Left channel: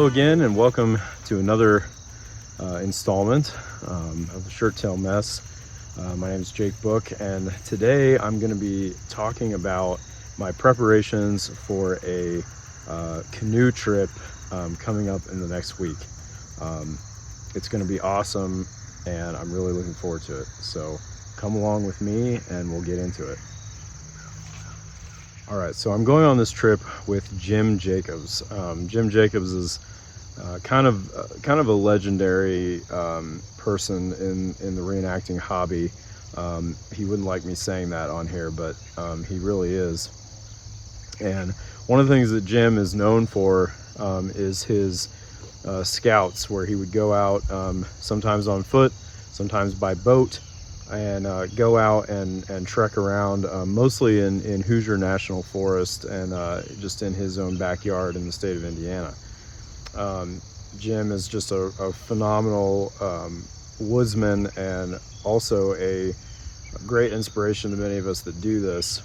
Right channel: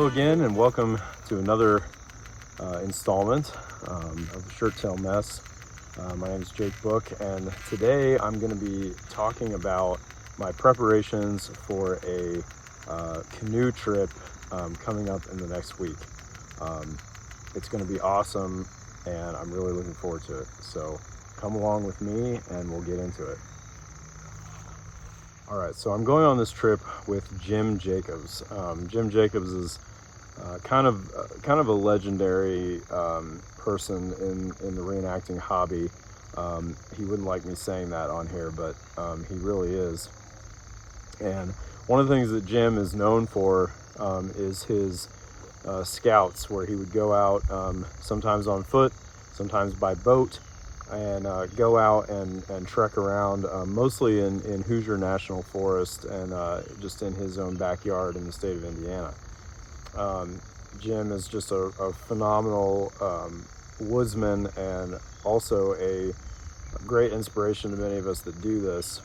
Hello again, and welcome to another installment of the Shirt Tail Mess. My name is Jake Book, and today I'm going to be talking about my preparations for a canoe trip coming up in the next week. It's going to be awesome, and I'm really looking forward to it. So come along with me, and we'll get into it. All right, so I'm going on this trip with Jim Jacobs. Jim Jacobs is kind of a legendary person in the reenacting hobby. He wouldn't like me saying that on here, but he really is. And one of the things that Jim is known for is his scouts, where he would go out sometimes on foot, sometimes by boat, and go out and trek around, mostly in Hoosier National Forest and just in his own backyard in the state of Indiana. Jim is just a phenomenal woodsman, and also a great inspiration to many of us that do this.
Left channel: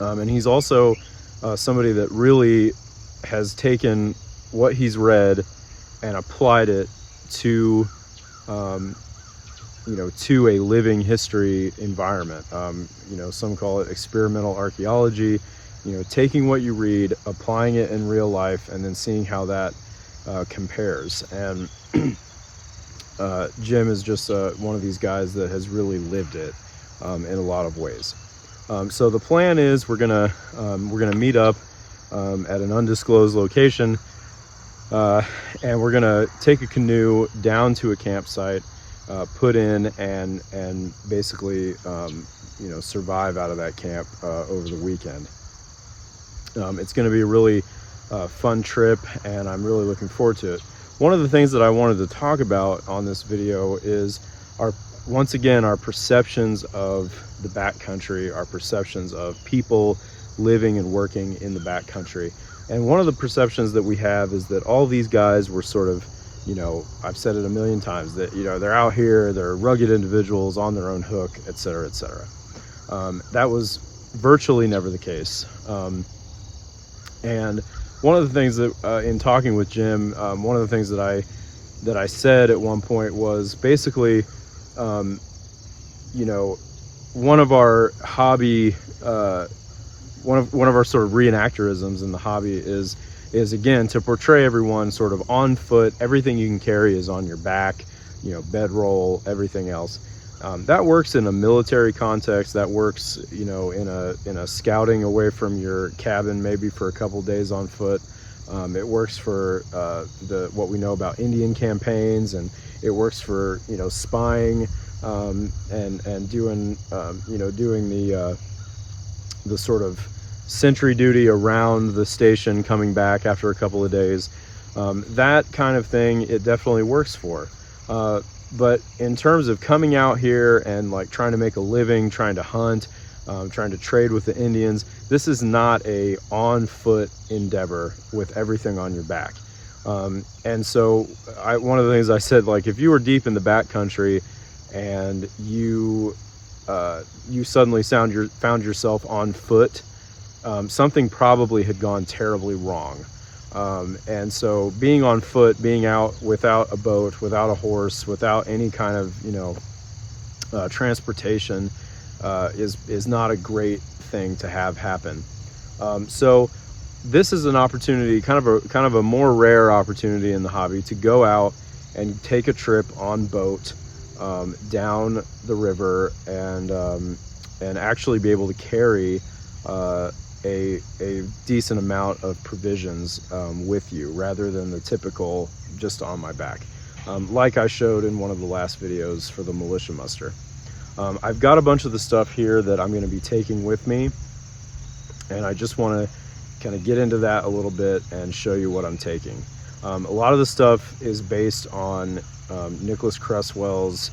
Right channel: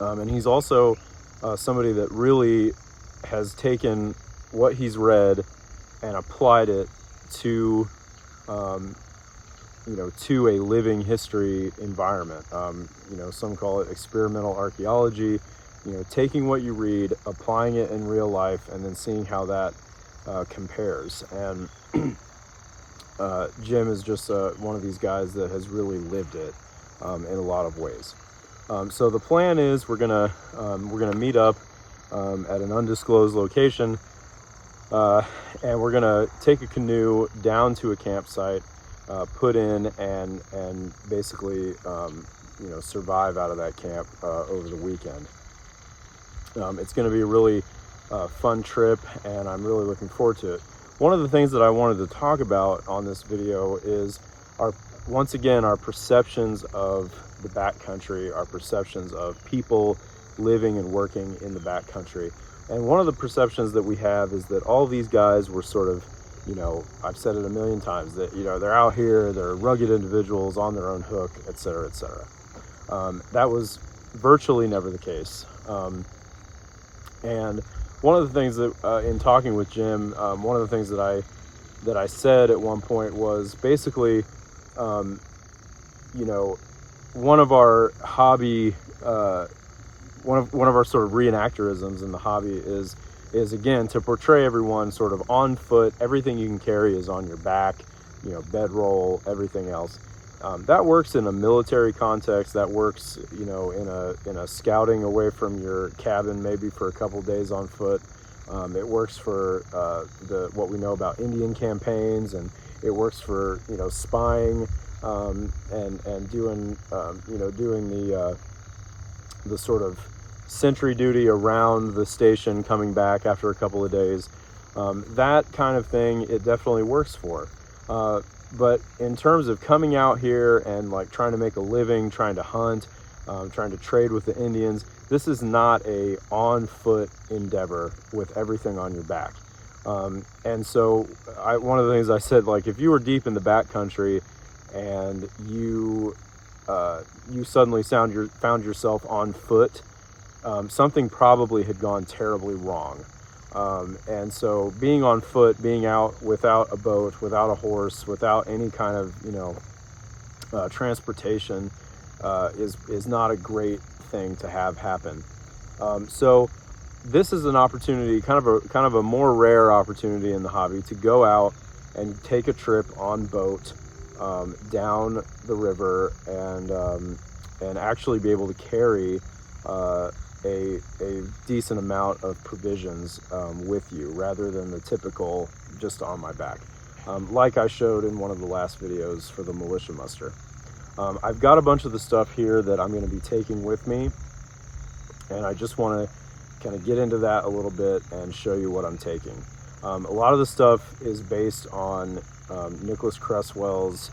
And he's also somebody that really has taken what he's read and applied it to to a living history environment. Some call it experimental archaeology, taking what you read, applying it in real life, and then seeing how that compares. And Jim is just one of these guys that has really lived it in a lot of ways. So the plan is we're gonna meet up at an undisclosed location, and we're gonna take a canoe down to a campsite, put in and basically survive out of that camp over the weekend. It's going to be a really fun trip, and I'm really looking forward to it. One of the things that I wanted to talk about on this video is once again our perceptions of the backcountry, our perceptions of people living and working in the backcountry. And one of the perceptions that we have is that all these guys were sort of, I've said it a million times, that they're out here, they're rugged individuals on their own hook, etc., etc. That was virtually never the case. And one of the things that in talking with Jim, one of the things that I said at one point was basically, one of our hobby, one of our sort of reenactorisms in the hobby is again to portray everyone sort of on foot. Everything you can carry is on your back, bedroll, everything else. That works in a military context. That works, in a scouting away from your cabin, maybe for a couple days on foot. It works for what we know about Indian campaigns, and it works for spying and doing the sort of sentry duty around the station, coming back after a couple of days. That kind of thing it definitely works for. But in terms of coming out here and like trying to make a living, trying to hunt, trying to trade with the Indians, this is not a on foot endeavor with everything on your back. And so one of the things I said, like, if you were deep in the backcountry and you suddenly found yourself on foot, something probably had gone terribly wrong. And so being on foot, being out without a boat, without a horse, without any kind of transportation is not a great thing to have happen. So this is an opportunity, kind of a more rare opportunity in the hobby, to go out and take a trip on boat down the river and actually be able to carry a decent amount of provisions with you, rather than the typical just on my back, like I showed in one of the last videos for the militia muster. I've got a bunch of the stuff here that I'm going to be taking with me, and I just want to kind of get into that a little bit and show you what I'm taking. A lot of the stuff is based on Nicholas Cresswell's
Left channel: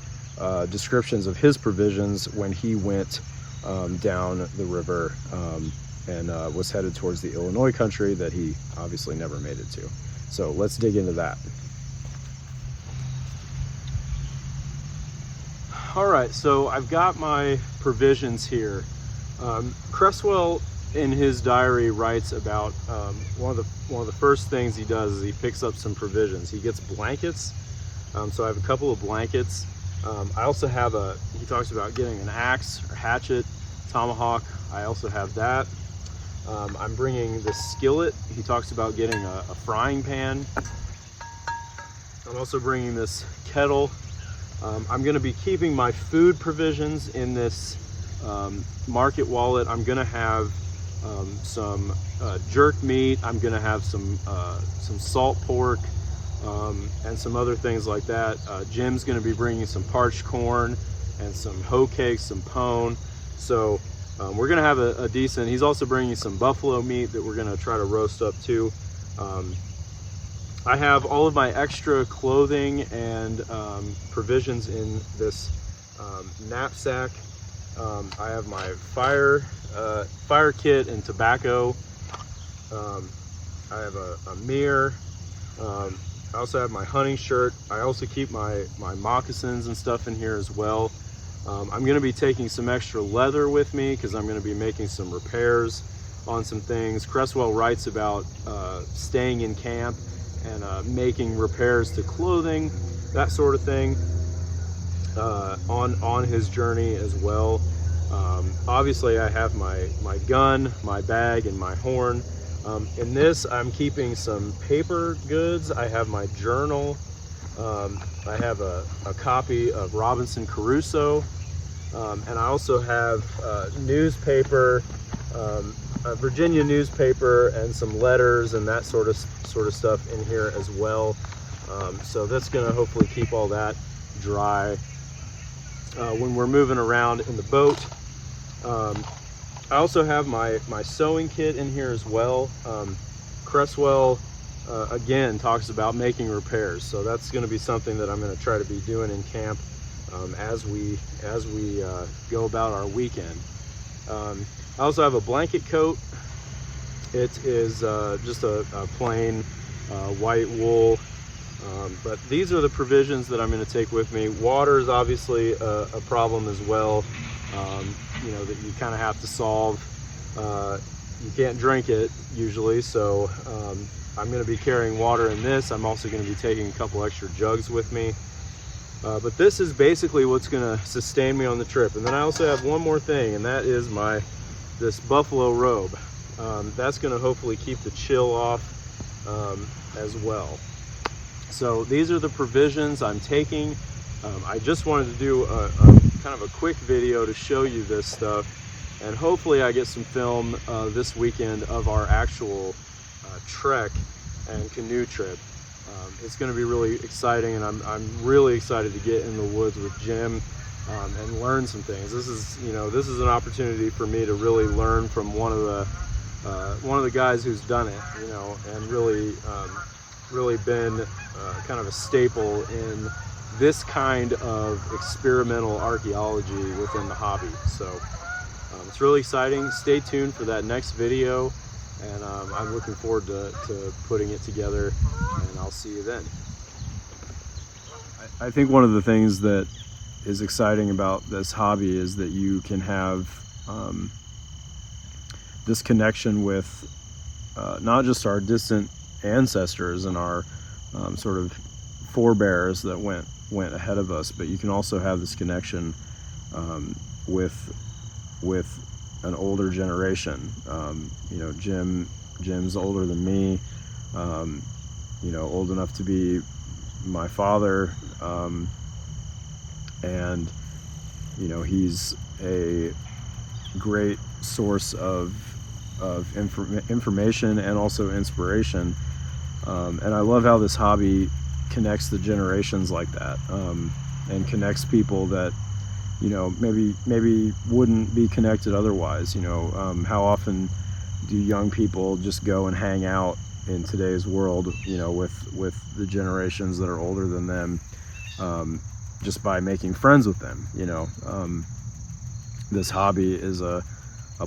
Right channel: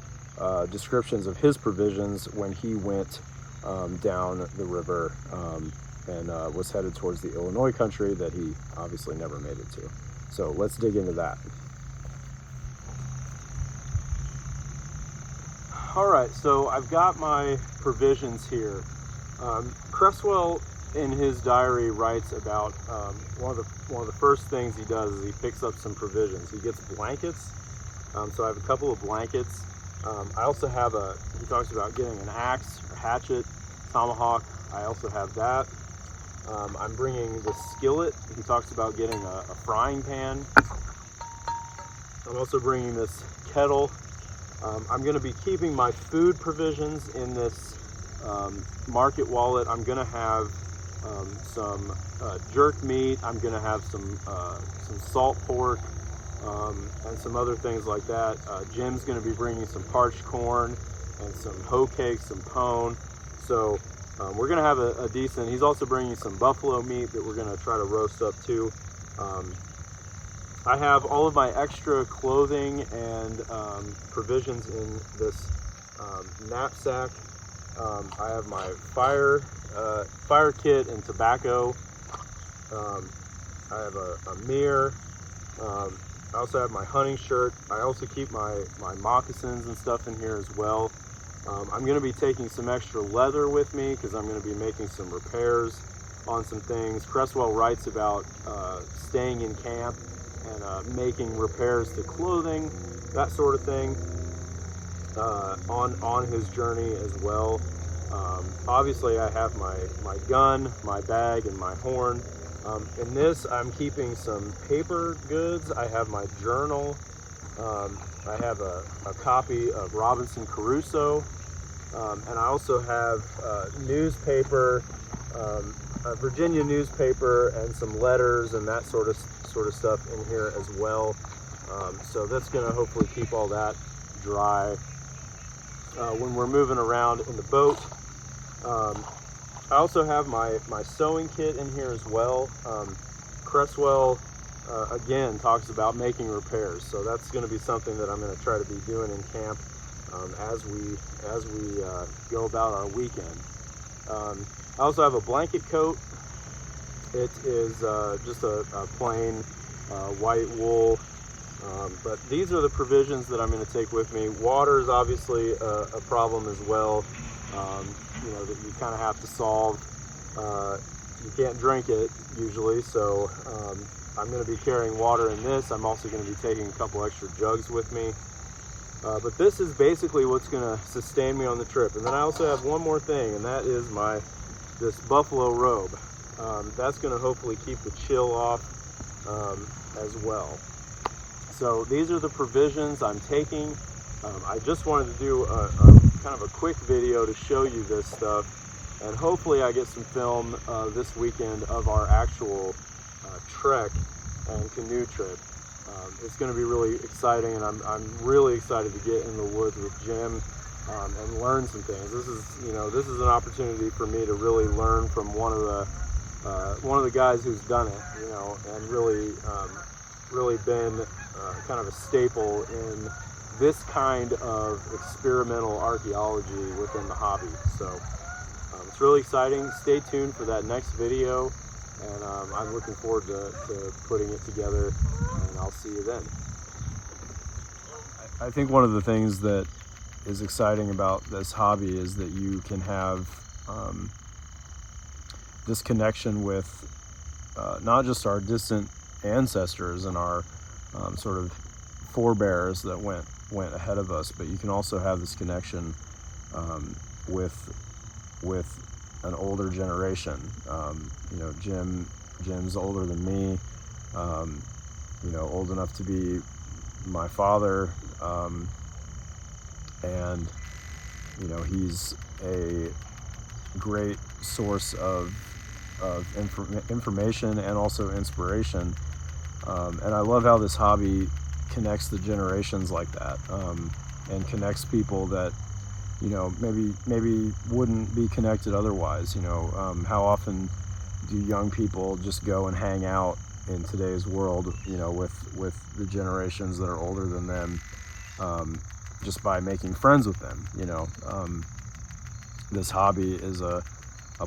descriptions of his provisions when he went down the river and was headed towards the Illinois country that he obviously never made it to. So let's dig into that. All right, so I've got my provisions here. Cresswell in his diary writes about one of the first things he does is he picks up some provisions. He gets blankets. So I have a couple of blankets. I also have he talks about getting an axe or hatchet, tomahawk. I also have that. I'm bringing the skillet. He talks about getting a frying pan. I'm also bringing this kettle. I'm going to be keeping my food provisions in this market wallet. I'm going to have some jerk meat. I'm going to have some salt pork and some other things like that. Jim's going to be bringing some parched corn and some hoe cakes, some pone. So we're going to have a decent. He's also bringing some buffalo meat that we're going to try to roast up too. I have all of my extra clothing and provisions in this knapsack. I have my fire kit and tobacco. I have a mirror. I also have my hunting shirt. I also keep my moccasins and stuff in here as well. I'm going to be taking some extra leather with me because I'm going to be making some repairs on some things. Cresswell writes about staying in camp and making repairs to clothing, that sort of thing, on his journey as well. Obviously I have my gun, my bag, and my horn. In this I'm keeping some paper goods. I have my journal. I have a copy of Robinson Crusoe, and I also have newspaper, a Virginia newspaper, and some letters and that sort of stuff in here as well. So that's going to hopefully keep all that dry when we're moving around in the boat. I also have my sewing kit in here as well. Cresswell again talks about making repairs, so that's going to be something that I'm going to try to be doing in camp as we go about our weekend. I also have a blanket coat. It is just a plain white wool, but these are the provisions that I'm going to take with me. Water is obviously a problem as well. You know, that you kind of have to solve. You can't drink it usually, so I'm going to be carrying water in this. I'm also going to be taking a couple extra jugs with me. But this is basically what's going to sustain me on the trip. And then I also have one more thing, and that is this buffalo robe. That's going to hopefully keep the chill off as well. So these are the provisions I'm taking. I just wanted to do a kind of a quick video to show you this stuff, and hopefully I get some film this weekend of our actual trek and canoe trip. It's going to be really exciting, and I'm really excited to get in the woods with Jim and learn some things. This is an opportunity for me to really learn from one of the guys who's done it, and really been kind of a staple in this kind of experimental archaeology within the hobby. So it's really exciting. Stay tuned for that next video, and I'm looking forward to putting it together, and I'll see you then. I think one of the things that is exciting about this hobby is that you can have this connection with not just our distant ancestors and our sort of forebears that went ahead of us, but you can also have this connection with an older generation. Jim's older than me, old enough to be my father, and he's a great source of information and also inspiration, and I love how this hobby connects the generations like that, and connects people that maybe wouldn't be connected otherwise. How often do young people just go and hang out in today's world with the generations that are older than them, just by making friends with them? This hobby is a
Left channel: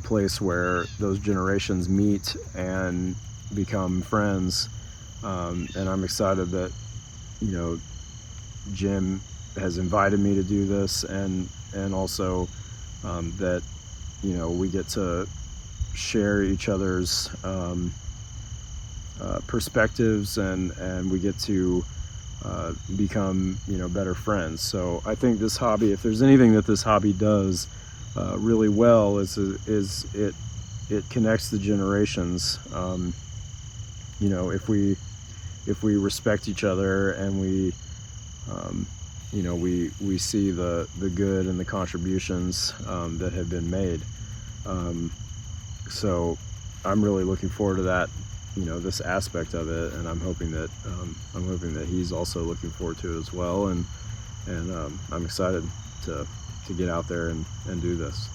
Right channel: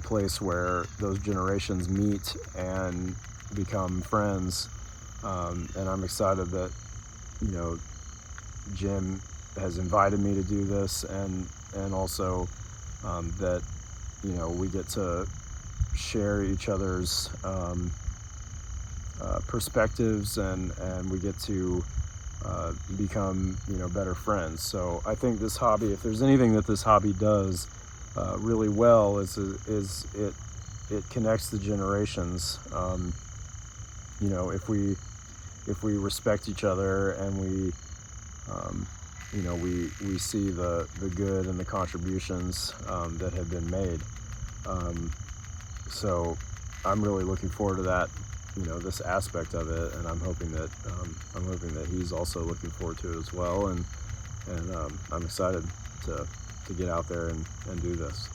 place where those generations meet and become friends, and I'm excited that Jim has invited me to do this, and also that we get to share each other's perspectives, and we get to become, better friends. So I think this hobby, if there's anything that this hobby does really well, is it connects the generations. If we respect each other, and we see the good and the contributions that have been made. So I'm really looking forward to that, this aspect of it, and I'm hoping that he's also looking forward to it as well, and I'm excited to get out there and do this.